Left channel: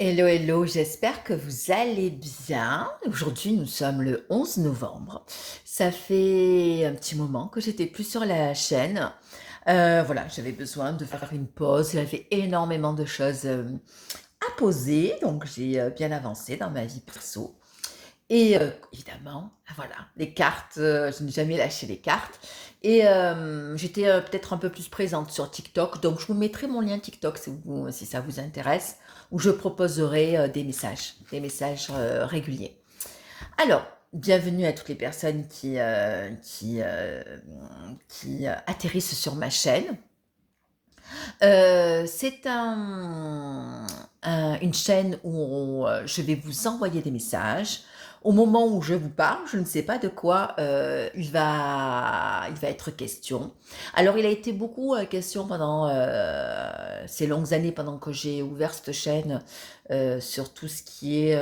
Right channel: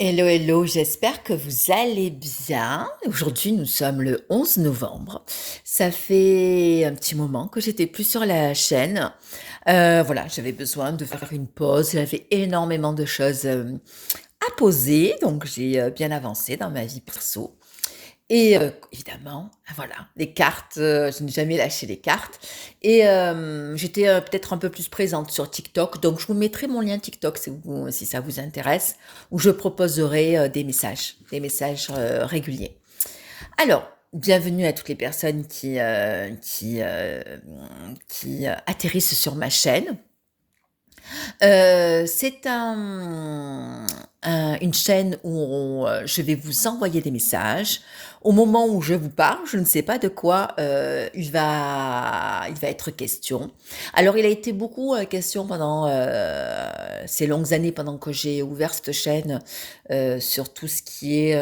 Hello, hello, j'espère que vous allez bien. Aujourd'hui, nous sommes le 11 novembre. Ça fait un petit moment que j'étais plus sur la chaîne. Voilà, j'avais besoin de faire une pause. J'avais énormément de choses à poser, donc j'ai bien avancé dans ma vie perso. Et évidemment, voilà, les cartes, je n'ai jamais lâché les cartes et j'étais, peut-être un peu plus présente sur TikTok, donc je vous mettrai mon lien TikTok si ça vous intéresse, où je proposerai, des messages, réguliers. Alors, bienvenue à toutes les personnes qui atterrissent sur ma chaîne. C'est une chaîne où je vais vous envoyer des messages. Au moment où je vous parle, je ne sais pas de quoi il va être question. Alors, il a été beaucoup question pendant ces longues années, pendant que j'ai ouvert cette chaîne, sur tout ce qui est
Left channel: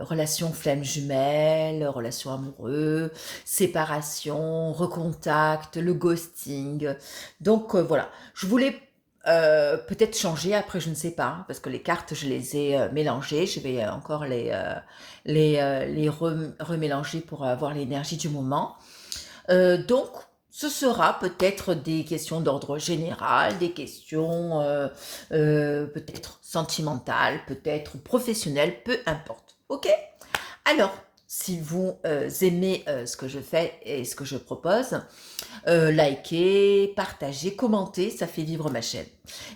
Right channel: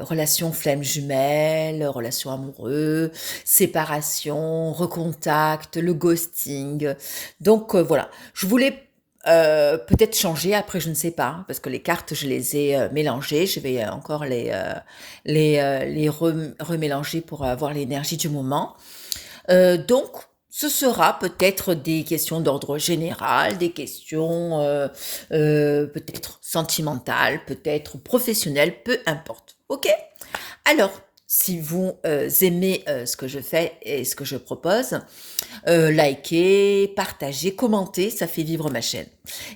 relations flammes jumelles, relations amoureuses, séparation, recontact, le ghosting. Donc voilà, je voulais peut-être changer après, je ne sais pas, hein, parce que les cartes, je les ai mélangées. Je vais encore remélanger pour avoir l'énergie du moment. Donc, ce sera peut-être des questions d'ordre général, des questions peut-être sentimentales, peut-être professionnelles, peu importe. Ok? Alors, si vous aimez ce que je fais et ce que je propose, likez, partagez, commentez, ça fait vivre ma chaîne.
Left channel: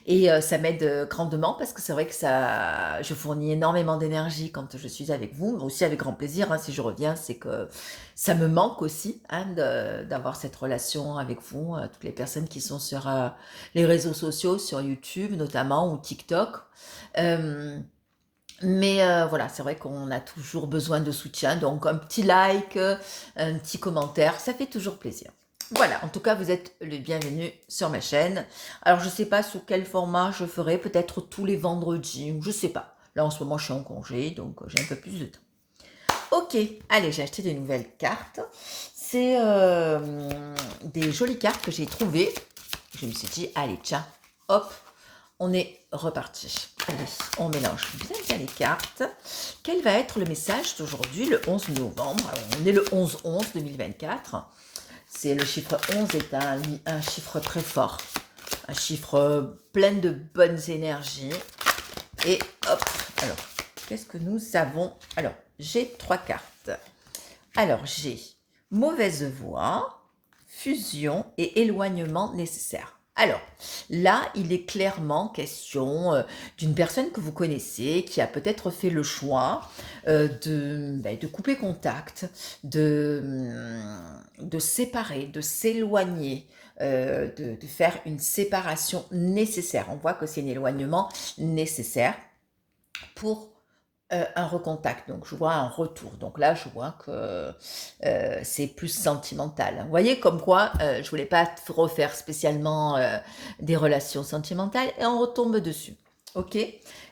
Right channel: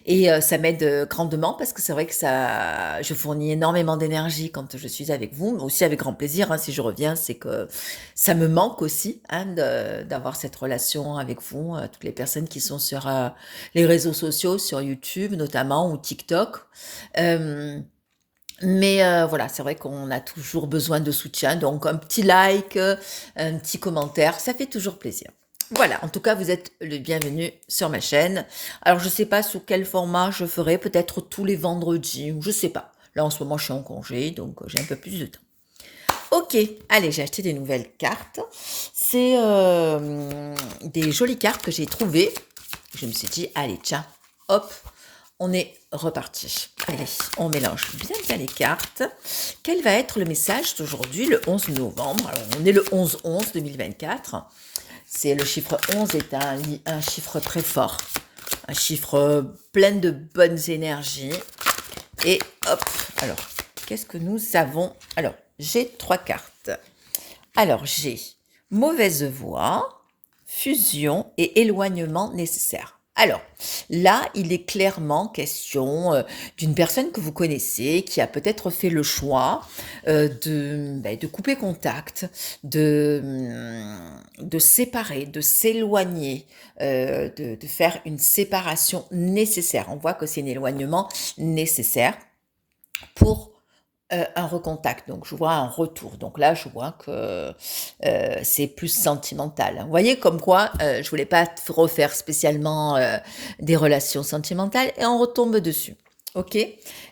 Et ça m'aide grandement parce que c'est vrai que je fournis énormément d'énergie quand je suis avec vous, mais aussi avec grand plaisir, hein, si je reviens, c'est que ça me manque aussi, hein, d'avoir cette relation avec vous, toutes les personnes qui sont sur les réseaux sociaux, sur YouTube notamment ou TikTok. Euh, voilà, c'est vrai qu'on a toujours besoin de soutien, donc un petit like, un petit commentaire, ça fait toujours plaisir. Voilà, en tout cas, vous êtes le bienvenu sur ma chaîne. Alors, je sais pas sous quel format je ferai, peut-être tous les vendredis, ou je sais pas. Là, en ce moment, je suis en congé, donc j'ai un peu plus de temps. Ok, allez, j'ai acheté des nouvelles cartes. C'est des jolies cartes que j'ai trouvées. Je me suis dit, allez, tiens, hop, on est reparti. Allez, on mélange bien bien les cartes. Quel va être le message d'aujourd'hui, le 11 novembre? Alors, on est le 11-11 2024. C'est le chiffre 11 est un chiffre très fort. Un chiffre plein de bonnes énergies. Et hop, alors, qu'est-ce que nous avons? Alors, j'ai trois cartes. Alors, j'ai mauvaise voix, fusion et éloignement nécessaire. Alors, là, il est clairement question d'une personne que vous connaissez qui a peut-être fait le choix de couper contact, de séparer, de s'éloigner, de faire une séparation nécessaire. On voit que c'est un éloignement nécessaire pour un recontact, donc je vois un retour. Donc là, je vois que c'est plus sentimental. Vous voyez, comme quoi, je voulais pas refaire spécialement des relations sentimentales et on retombe dessus. Ok?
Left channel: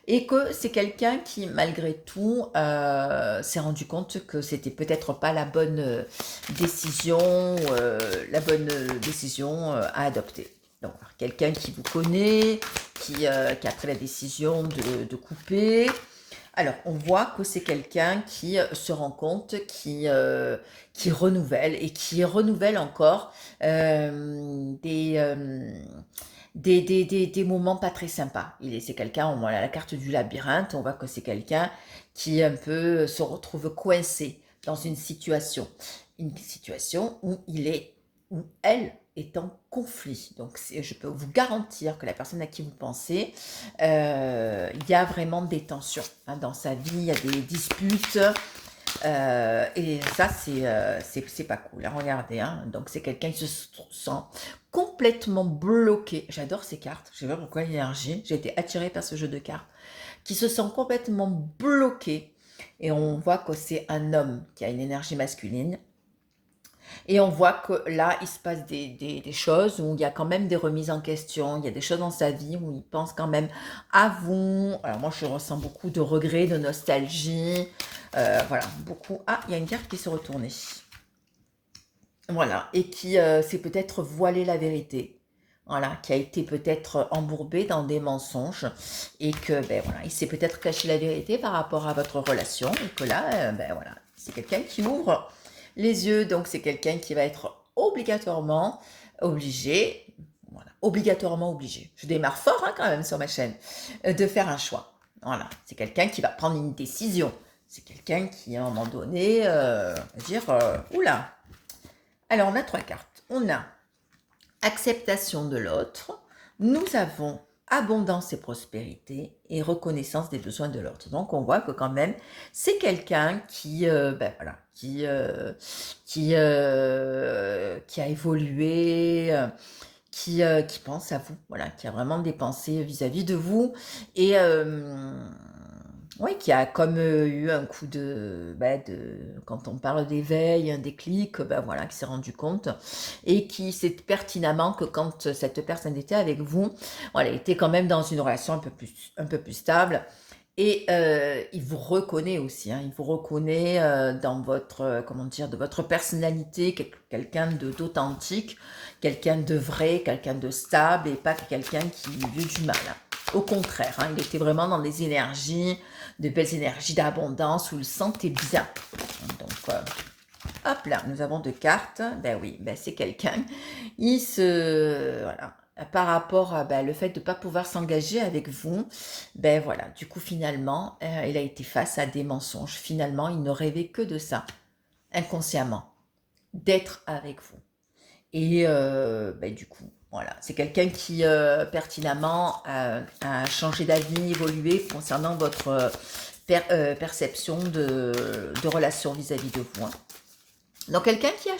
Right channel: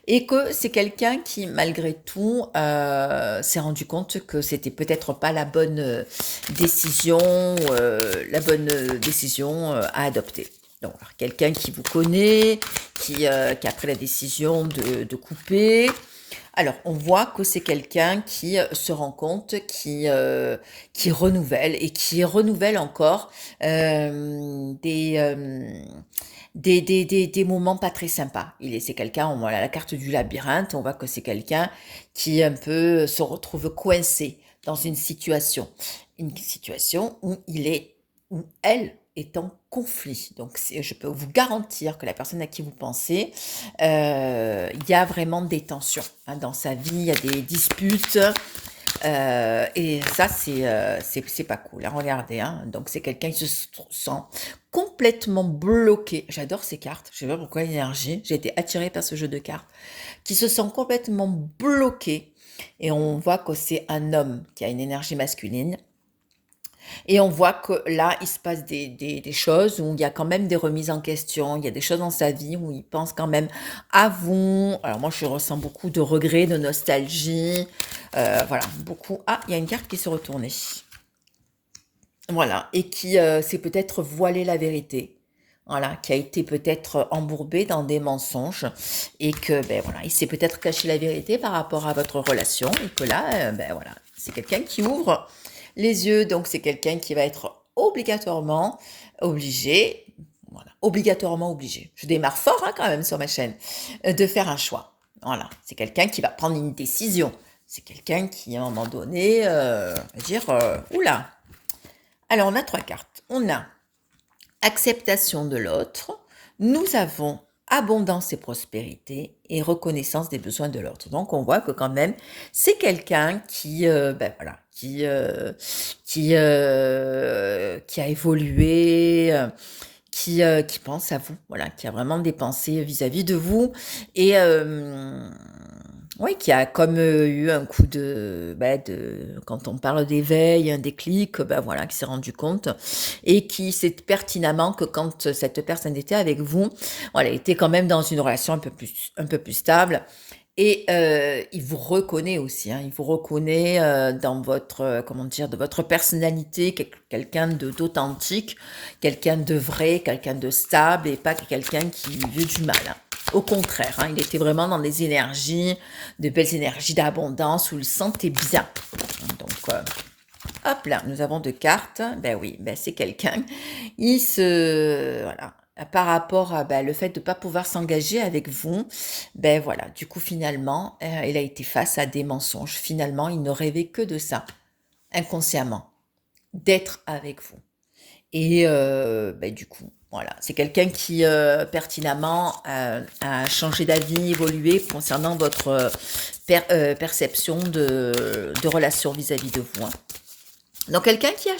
Et que c'est quelqu'un qui, malgré tout, s'est rendu compte que c'était peut-être pas la bonne décision à adopter. Donc, quelqu'un qui vous connaît, qui a pris la décision de couper, alors, on voit que c'est quelqu'un qui se rend compte, qui renouvelle et qui renouvelle encore des moments pas très sympas. C'est quelqu'un, on voit la carte du labyrinthe, on voit que c'est quelqu'un qui un peu se retrouve coincé dans une situation où où elle est en conflit. Donc, je peux vous garantir que la personne à qui vous pensez, il y a vraiment des tensions hein, dans sa vie, il y a des disputes. Et ça, c'est pas cool. Hein, regardez, hein. Donc c'est quelqu'un qui se sent complètement bloqué. J'adore ces cartes. Je sais pas pourquoi l'énergie. J'ai été attirée par ce jeu de cartes. Qui se sent complètement bloqué. Et on voit que c'est un homme qui a une énergie masculine et on voit que là, il se passe des choses où il y a quand même des remises en question, il y a des choses dans sa vie où il pense quand même à vous. Alors moi, je ressens beaucoup de regrets, de nostalgie. Voilà, beaucoup. Ah, il y a une carte qui s'est retournée. Voilà, et qui s'est peut-être voilé la vérité. voilà, qui a été peut-être embourbé dans des mensonges et que, ben voilà, il s'est peut-être caché la vérité par rapport à votre relation et que là, ben voilà, c'est quelqu'un qui ouvre les yeux, donc c'est quelqu'un qui va être obligatoirement obligé, voilà, obligatoirement obligé. Je démarre fort hein, quand même sur ma chaîne, de faire un choix. Voilà, c'est quelqu'un qui va prendre une décision. C'est quelqu'un qui, à un moment donné, va dire, oula. Alors, on a trois cartes. On a acceptation de l'autre, nous avons abondance et prospérité et reconnaissance des besoins de l'autre. Donc on voit que quand même c'est quelqu'un qui ben voilà qui a évolué qui pense à vous, voilà, qui a vraiment des pensées vis-à-vis de vous et oui, qui a comme, eu un coup de quand on parle d'éveil, un déclic, bah, voilà, qui s'est rendu compte et qui sait pertinemment que quand cette personne était avec vous, voilà, elle était quand même dans une relation un peu plus stable et il vous reconnaît aussi, hein. Il vous reconnaît, dans votre, comment dire? De votre personnalité, quelqu'un de d'authentique, quelqu'un de vrai, quelqu'un de stable et pas quelqu'un qui veut du mal, hein. Au contraire, hein, il était vraiment dans des énergies, de belles énergies d'abondance où il se sentait bien. Donc, hop là, nous avons 2 cartes. Ben oui, ben c'est quelqu'un, il se voilà, par rapport à, bah, le fait de ne pas pouvoir s'engager avec vous, ben voilà, du coup finalement, il a été face à des mensonges. Finalement, il ne rêvait que de ça, inconsciemment, d'être avec vous. Et beh, du coup, voilà, c'est quelqu'un qui, pertinemment, a changé d'avis, évolué concernant votre, perception de relation vis-à-vis de vous, hein. Donc quelqu'un qui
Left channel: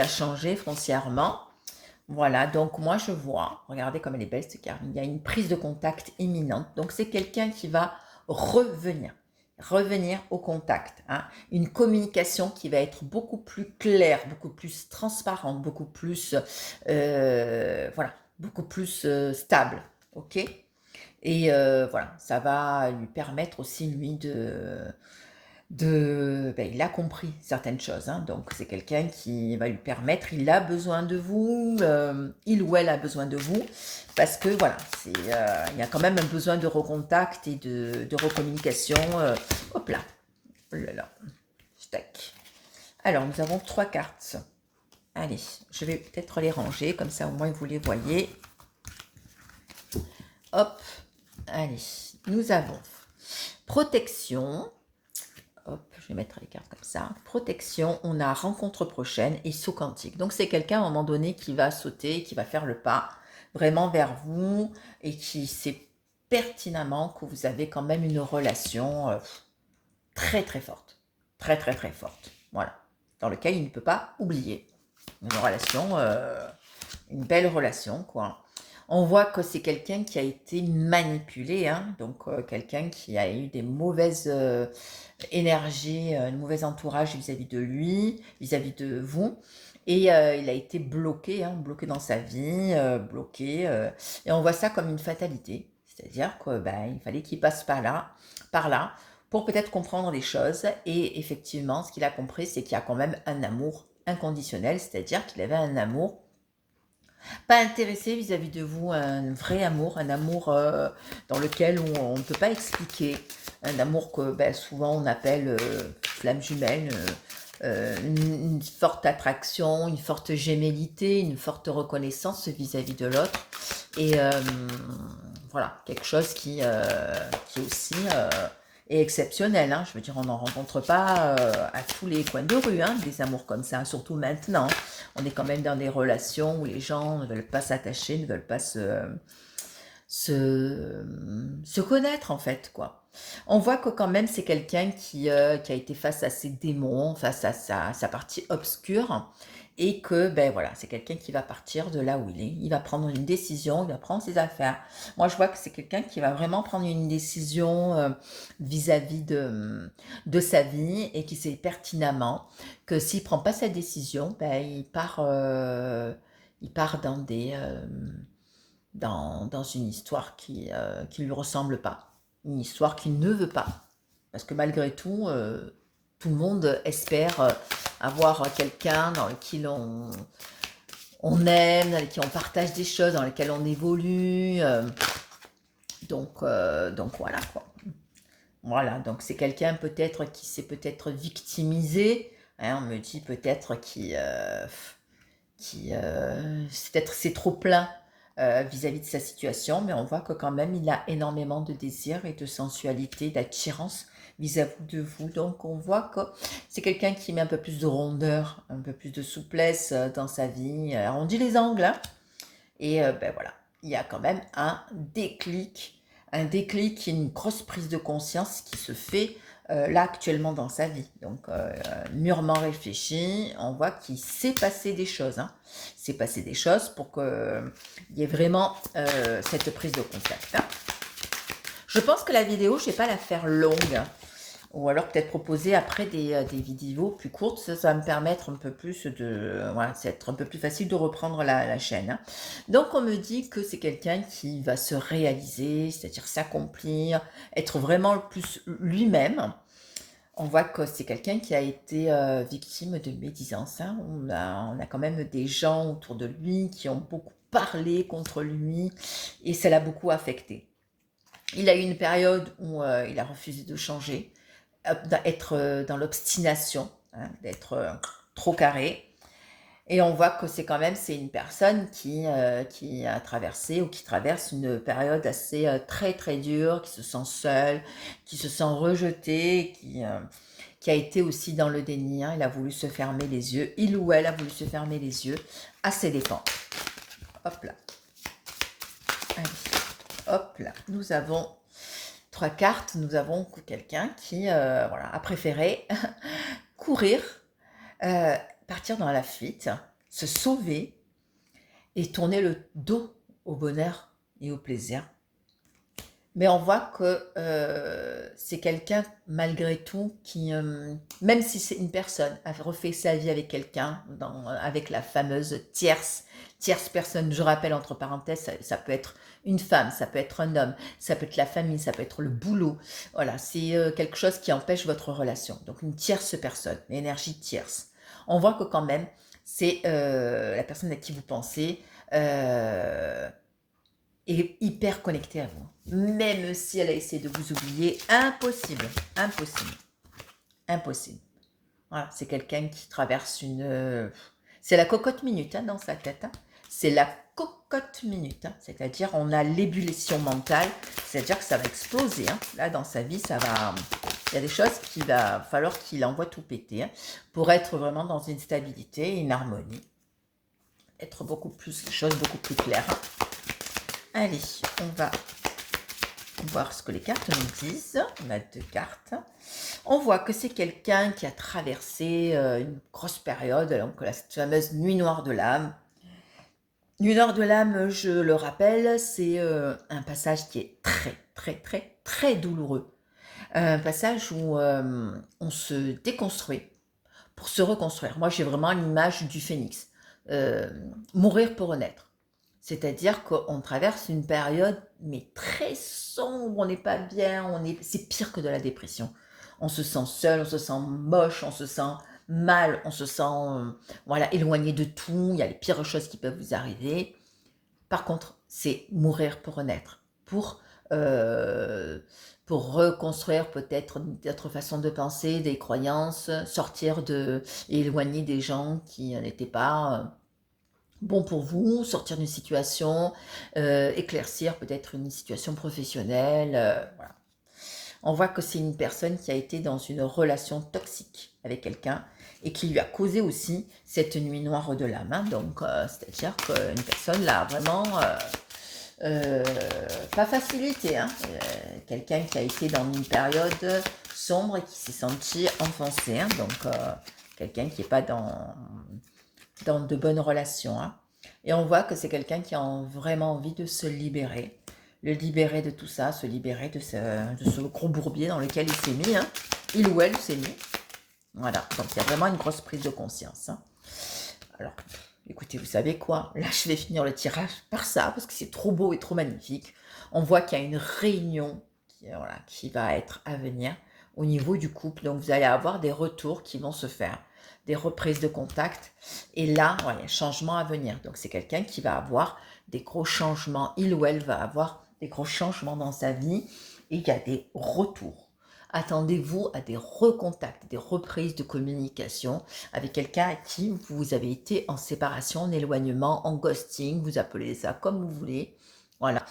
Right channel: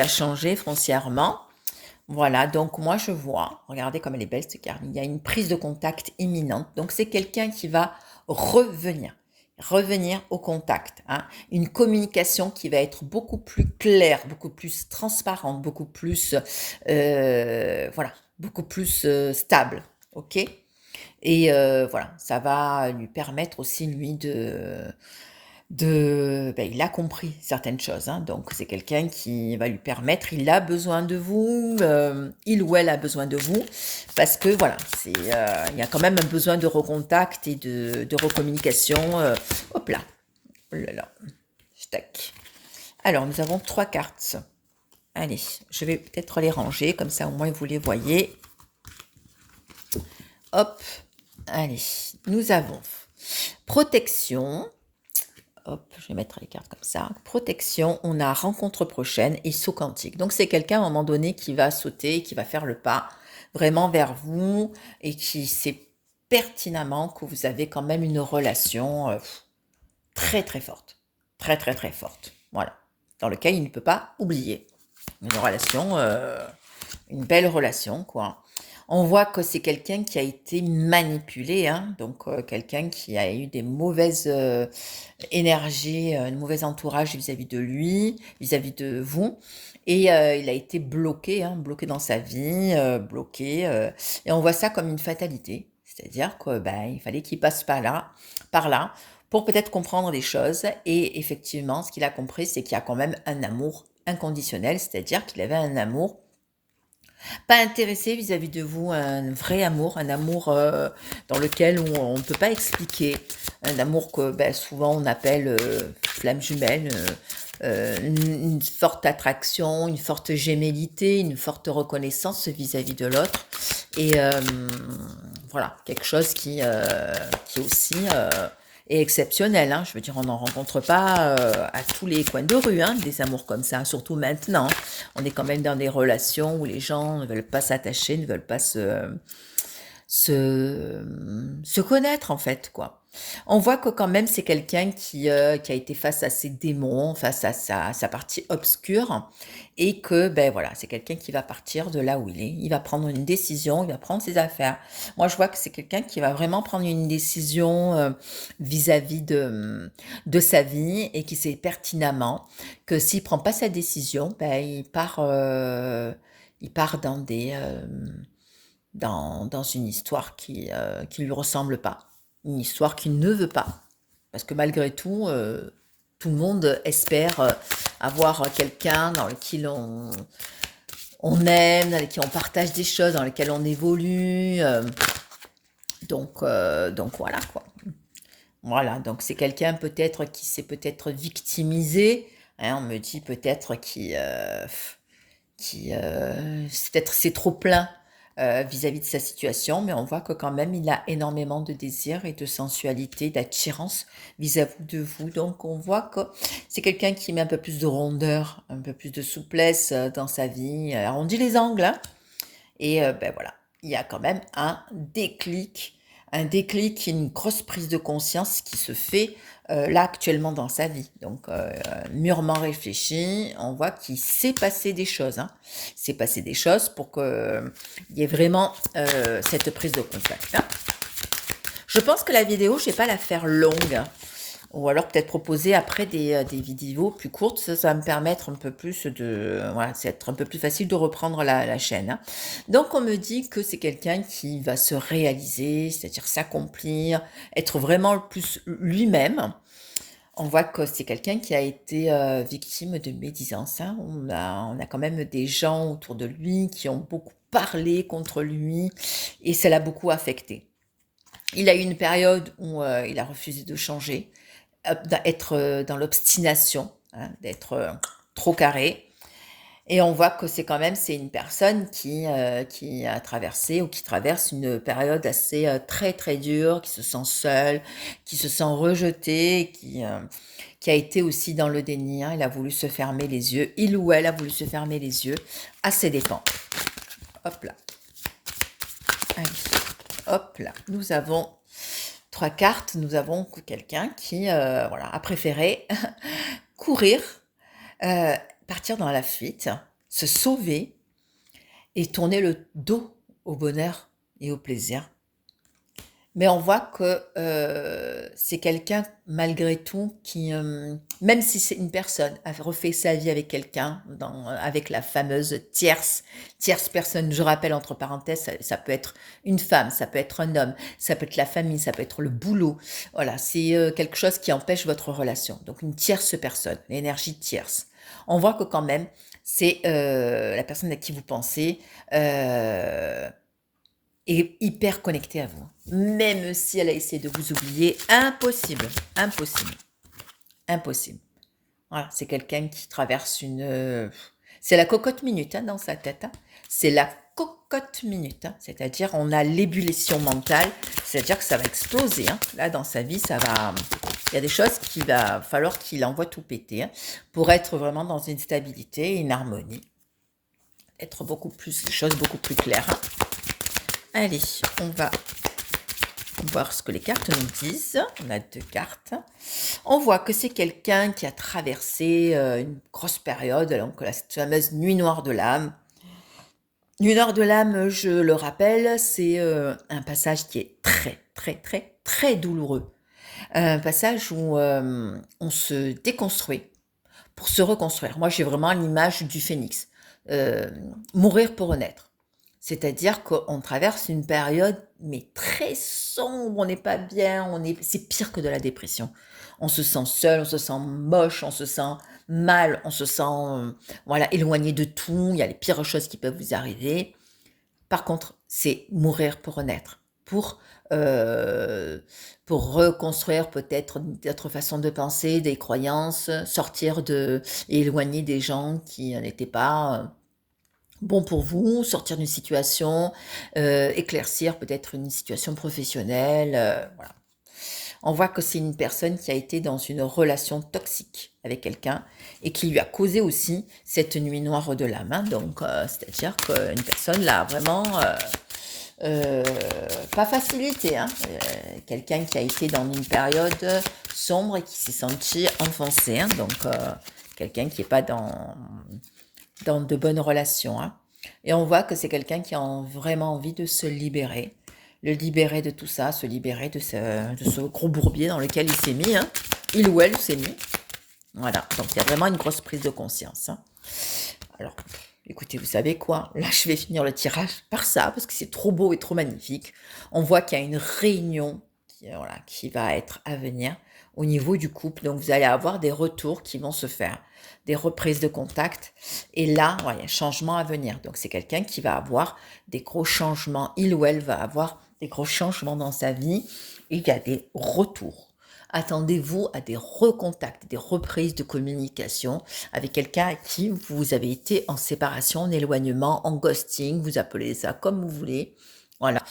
a changé foncièrement. Voilà, donc moi je vois, regardez comme elle est belle cette carte, il y a une prise de contact imminente. Donc c'est quelqu'un qui va revenir, revenir au contact, hein. Une communication qui va être beaucoup plus claire, beaucoup plus transparente, beaucoup plus, voilà, beaucoup plus stable, ok. Et voilà, ça va lui permettre aussi lui il a compris certaines choses, hein, donc c'est quelqu'un qui va lui permettre, il a besoin de vous, il ou elle a besoin de vous, parce que voilà, il y a quand même un besoin de recontact et de recommunication. Hop là, oh là là, tac. Alors nous avons trois cartes. Allez, je vais peut-être les ranger, comme ça au moins vous les voyez. Hop, allez, nous avons protection. Hop, je vais mettre les cartes comme ça. Protection, on a rencontre prochaine et saut quantique. Donc c'est quelqu'un à un moment donné qui va sauter, qui va faire le pas vraiment vers vous et qui sait pertinemment que vous avez quand même une relation très très forte. Très très très forte. Voilà. Dans lequel il ne peut pas oublier. Une relation, une belle relation, quoi. On voit que c'est quelqu'un qui a été manipulé, hein, donc quelqu'un qui a eu des mauvaises énergies, un mauvais entourage vis-à-vis de lui, vis-à-vis de vous. Et il a été bloqué, hein, bloqué dans sa vie, bloqué. Et on voit ça comme une fatalité. C'est-à-dire que ben, il fallait qu'il passe par là, pour peut-être comprendre les choses. Et effectivement, ce qu'il a compris, c'est qu'il y a quand même un amour inconditionnel, c'est-à-dire qu'il avait un amour pas intéressé vis-à-vis de vous, un vrai amour, un amour dans lequel on ne peut pas expliquer, un amour que ben, souvent on appelle flamme jumelle, une forte attraction, une forte gémellité, une forte reconnaissance vis-à-vis de l'autre. Et voilà, quelque chose qui aussi est exceptionnel, hein. Je veux dire, on n'en rencontre pas à tous les coins de rue, hein, des amours comme ça, surtout maintenant. On est quand même dans des relations où les gens ne veulent pas s'attacher, ne veulent pas se connaître en fait, quoi. On voit que quand même c'est quelqu'un qui a été face à ses démons, face à sa partie obscure, et que ben voilà, c'est quelqu'un qui va partir de là où il est. Il va prendre une décision, il va prendre ses affaires. Moi, je vois que c'est quelqu'un qui va vraiment prendre une décision vis-à-vis de sa vie et qui sait pertinemment que s'il prend pas sa décision, ben il part dans dans une histoire qui lui ressemble pas, une histoire qu'il ne veut pas. Parce que malgré tout, tout le monde espère avoir quelqu'un dans lequel on aime, avec qui on partage des choses, dans lesquelles on évolue. Donc voilà quoi. Voilà, donc c'est quelqu'un peut-être qui s'est peut-être victimisé. Hein, on me dit peut-être c'est trop plein vis-à-vis de sa situation, mais on voit que quand même il a énormément de désir et de sensualité, d'attirance vis-à-vis de vous. Donc on voit que c'est quelqu'un qui met un peu plus de rondeur, un peu plus de souplesse dans sa vie. Alors, on dit les angles, hein, et ben voilà, il y a quand même un déclic, une grosse prise de conscience qui se fait là actuellement dans sa vie. Donc mûrement réfléchi, on voit qu'il s'est passé des choses. Hein. Il s'est passé des choses pour qu'il y ait vraiment cette prise de contact. Hein. Je pense que la vidéo, je ne vais pas la faire longue. Ou alors peut-être proposer après des vidéos plus courtes, ça va me permettre un peu plus voilà, c'est être un peu plus facile de reprendre la chaîne. Hein. Donc on me dit que c'est quelqu'un qui va se réaliser, c'est-à-dire s'accomplir, être vraiment le plus lui-même. On voit que c'est quelqu'un qui a été victime de médisance. Hein. On a quand même des gens autour de lui qui ont beaucoup parlé contre lui et ça l'a beaucoup affecté. Il a eu une période où il a refusé de changer, d'être dans l'obstination, hein, d'être trop carré. Et on voit que c'est une personne qui a traversé ou qui traverse une période assez très très dure, qui se sent seule, qui se sent rejetée, qui a été aussi dans le déni. Hein. Il a voulu se fermer les yeux, il ou elle a voulu se fermer les yeux à ses dépens. Hop là. Allez. Hop là. Nous avons 3 cartes. Nous avons quelqu'un qui voilà, a préféré courir, partir dans la fuite, se sauver et tourner le dos au bonheur et au plaisir. Mais on voit que c'est quelqu'un, malgré tout, qui, même si c'est une personne, a refait sa vie avec quelqu'un, avec la fameuse tierce personne, je rappelle entre parenthèses, ça peut être une femme, ça peut être un homme, ça peut être la famille, ça peut être le boulot. Voilà, c'est quelque chose qui empêche votre relation. Donc une tierce personne, l'énergie tierce. On voit que quand même, c'est la personne à qui vous pensez est hyper connectée à vous. Même si elle a essayé de vous oublier, impossible, impossible, impossible. Voilà, c'est quelqu'un qui traverse c'est la cocotte minute hein, dans sa tête. Hein. C'est la cocotte minute. Hein. C'est-à-dire, on a l'ébullition mentale. C'est-à-dire que ça va exploser. Hein. Là, dans sa vie, ça va... Il y a des choses qu'il va falloir qu'il envoie tout péter hein, pour être vraiment dans une stabilité, une harmonie. Être les choses beaucoup plus claires. Hein. Allez, on va voir ce que les cartes nous disent. On a 2 cartes. On voit que c'est quelqu'un qui a traversé une grosse période, donc cette fameuse nuit noire de l'âme. Nuit noire de l'âme, je le rappelle, c'est un passage qui est très, très, très, très douloureux. Un passage où on se déconstruit pour se reconstruire. Moi, j'ai vraiment l'image du phénix. Mourir pour renaître. C'est-à-dire qu'on traverse une période, mais très sombre, on n'est pas bien, c'est pire que de la dépression. On se sent seul, on se sent moche, on se sent mal, on se sent voilà, éloigné de tout, il y a les pires choses qui peuvent vous arriver. Par contre, c'est mourir pour renaître, euh, pour reconstruire peut-être d'autres façons de penser, des croyances, éloigner des gens qui n'étaient pas... bon pour vous, sortir d'une situation, éclaircir peut-être une situation professionnelle. Voilà. On voit que c'est une personne qui a été dans une relation toxique avec quelqu'un et qui lui a causé aussi cette nuit noire de l'âme. Hein. Donc, c'est-à-dire qu'une personne l'a vraiment pas facilité. Hein. Quelqu'un qui a été dans une période sombre et qui s'est senti enfoncé. Hein. Donc, quelqu'un qui n'est pas dans de bonnes relations. Hein. Et on voit que c'est quelqu'un qui a vraiment envie de se libérer. Le libérer de tout ça, se libérer de ce gros bourbier dans lequel il s'est mis. Hein. Il ou elle s'est mis. Voilà, donc il y a vraiment une grosse prise de conscience. Hein. Alors, écoutez, vous savez quoi? Là, je vais finir le tirage par ça, parce que c'est trop beau et trop magnifique. On voit qu'il y a une réunion qui va être à venir. au niveau du couple. Donc, vous allez avoir des retours qui vont se faire, des reprises de contact. Et là, ouais, il y a un changement à venir. Donc, c'est quelqu'un qui va avoir des gros changements. Il ou elle va avoir des gros changements dans sa vie et il y a des retours. Attendez-vous à des recontacts, des reprises de communication avec quelqu'un à qui vous avez été en séparation, en éloignement, en ghosting, vous appelez ça comme vous voulez. Voilà.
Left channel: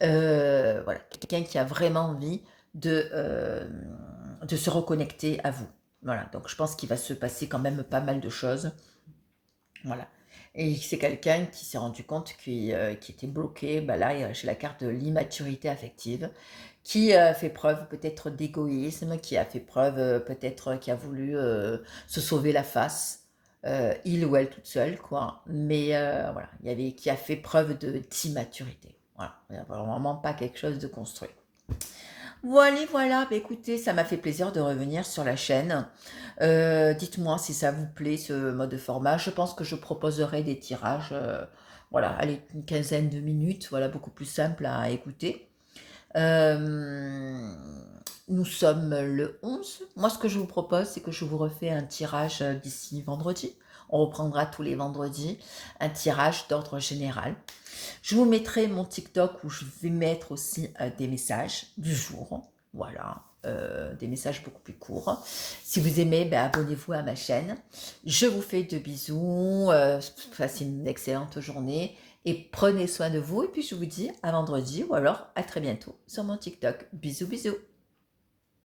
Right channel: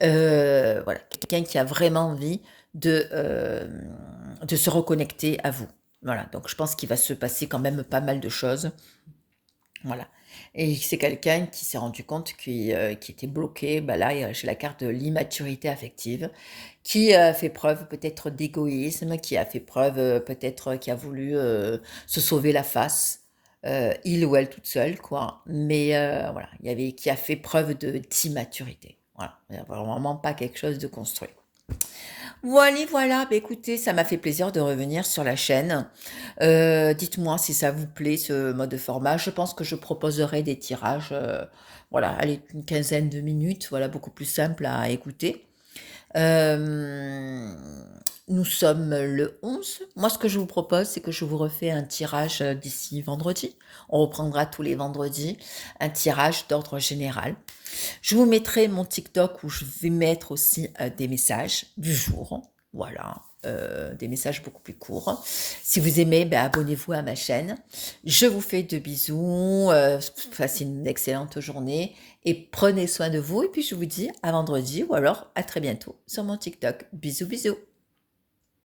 Voilà, quelqu'un qui a vraiment envie de se reconnecter à vous. Voilà, donc je pense qu'il va se passer quand même pas mal de choses. Voilà. Et c'est quelqu'un qui s'est rendu compte qui était bloqué, bah là, j'ai la carte de l'immaturité affective, qui a fait preuve peut-être d'égoïsme, qui a fait preuve peut-être qui a voulu se sauver la face, il ou elle toute seule, quoi. Mais voilà, il y avait qui a fait preuve d'immaturité. Voilà, il n'y a vraiment pas quelque chose de construit. Voilà, voilà, bah écoutez, ça m'a fait plaisir de revenir sur la chaîne. Dites-moi si ça vous plaît ce mode de format. Je pense que je proposerai des tirages, voilà, allez, une quinzaine de minutes, voilà, beaucoup plus simple à écouter. Euh, Nous sommes le 11. Moi, ce que je vous propose, c'est que je vous refais un tirage d'ici vendredi. On reprendra tous les vendredis un tirage d'ordre général. Je vous mettrai mon TikTok où je vais mettre aussi des messages du jour. Voilà, des messages beaucoup plus courts. Si vous aimez, ben, abonnez-vous à ma chaîne. Je vous fais de bisous. Passez une excellente journée et prenez soin de vous. Et puis je vous dis à vendredi ou alors à très bientôt sur mon TikTok. Bisous, bisous.